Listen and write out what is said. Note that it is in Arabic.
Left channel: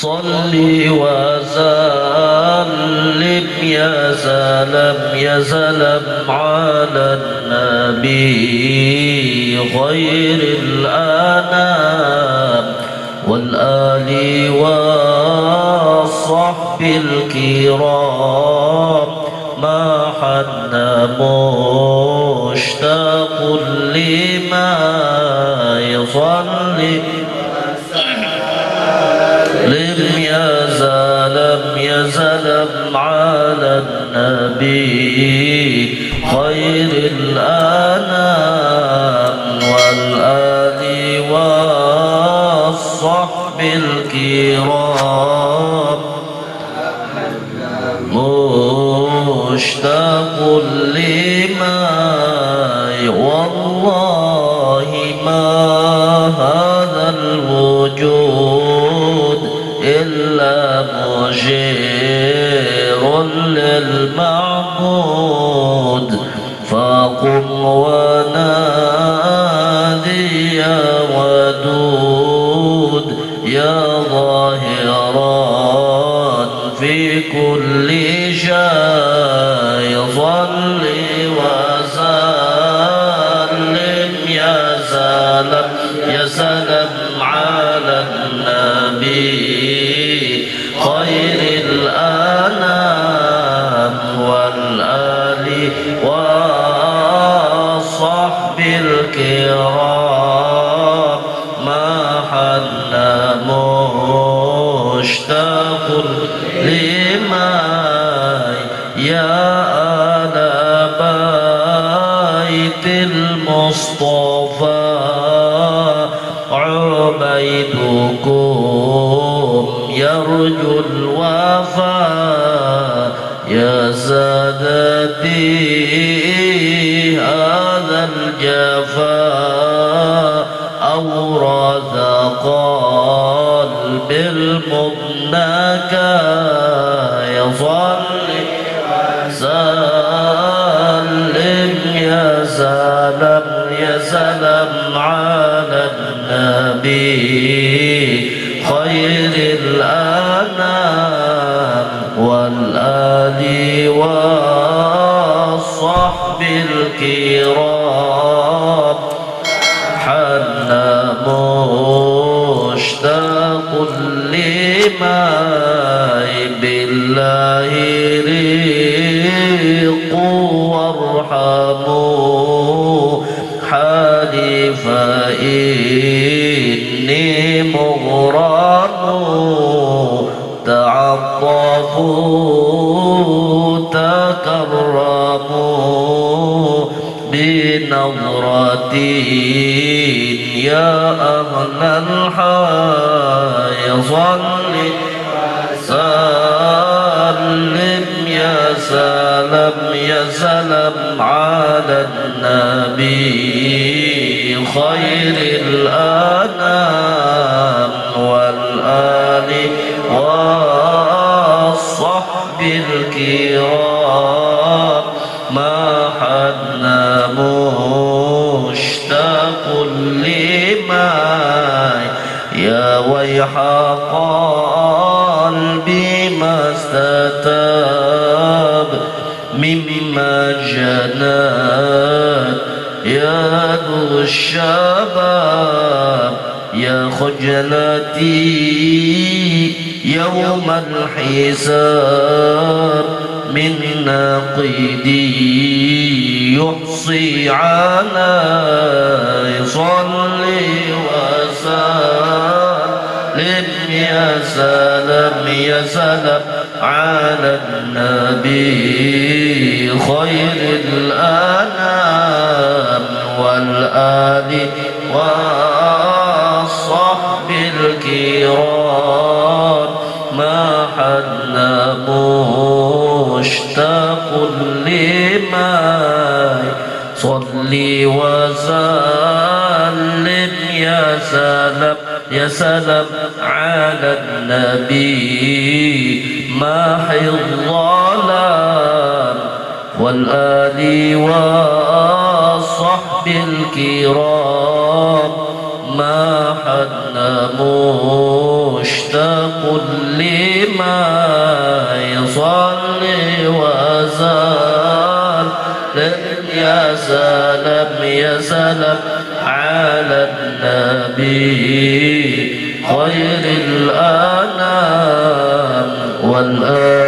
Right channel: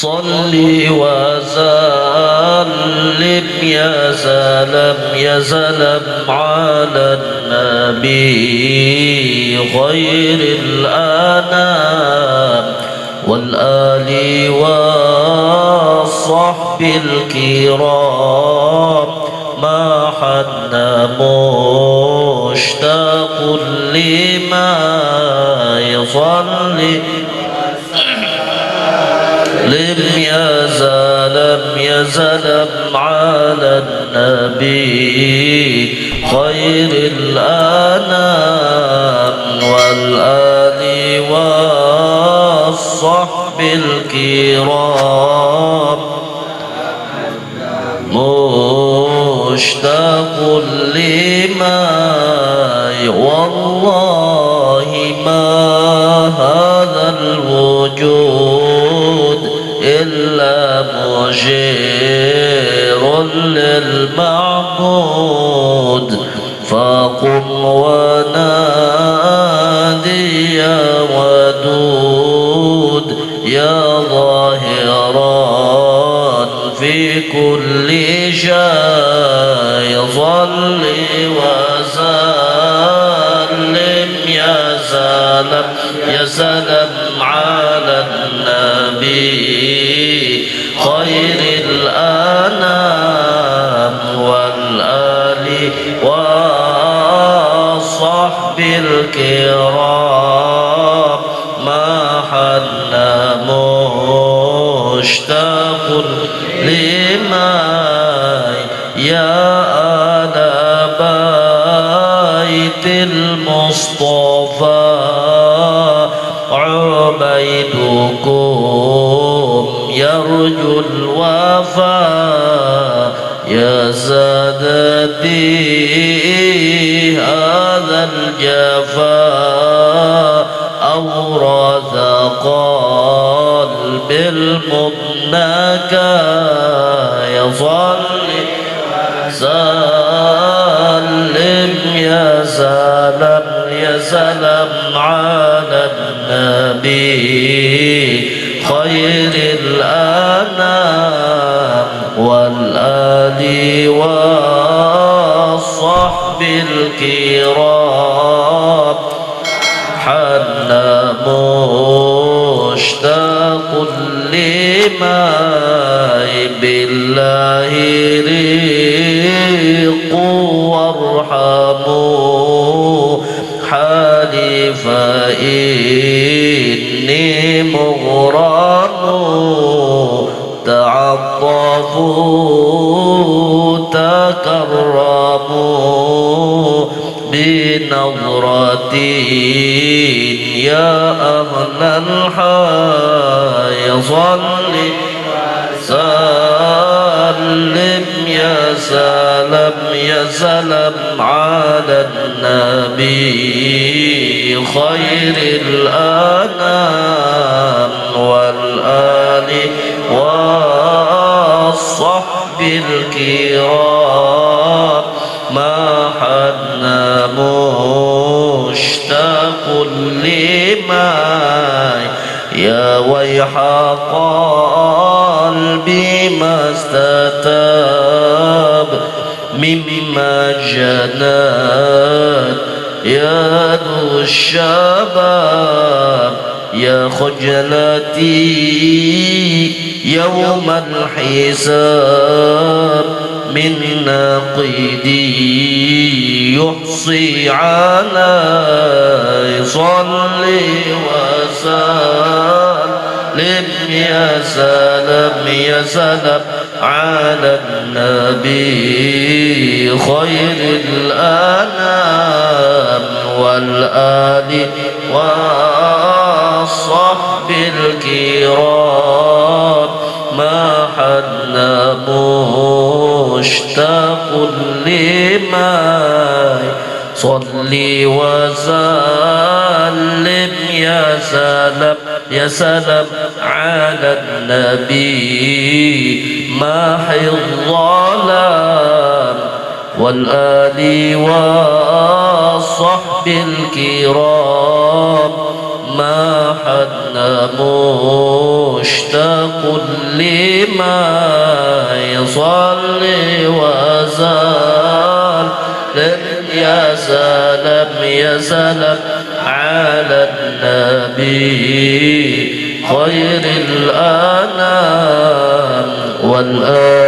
صل وسلم يا سلام على النبي خير الأنام والآل والصحب الكرام ما حن مشتاق لما يصلي يا سلام على النبي خير الأنام والآل والصحب الكرام مشتاق لما والله ما هذا الوجود إلا مشير للمعبود فقم ونادي يا ودود يا ظاهرا في كل شيء صل وسلم يا سلام على النبي خير الأنام والآل والصحب الكرام ما حن مشتاق لما يا آل بيت المصطفى عبيدكم يرجو الوفاء يا سادتي هذا الجفاء أورث قلب المبنكى يصلي وسلم يا سلام على النبي خير الأنام والآل والصحب الكرام حن مشتاق لما بالله ريق وارحموا حالي فإني مغرم تعطفوا تكرموا بنظرتي يا أهل الحي صل وسلم يا سلام على النبي خير الأنام والآل والصحب الكرام ما حن مشتاق لما يا ويح قلبي ما استتاب مما جنات يد الشباب يا خجلتي يوم الحساب من ناقدي يحصي علي صلي وسلم يا سلام على النبي خير الأنام والآل والصحب الكرام ما حن مشتاق لما صل وسلم يا سلام على النبي ماحي الظلام والآل والصحب الكرام ما حن مشتاق يا سلام على النبي خير الأنام والآل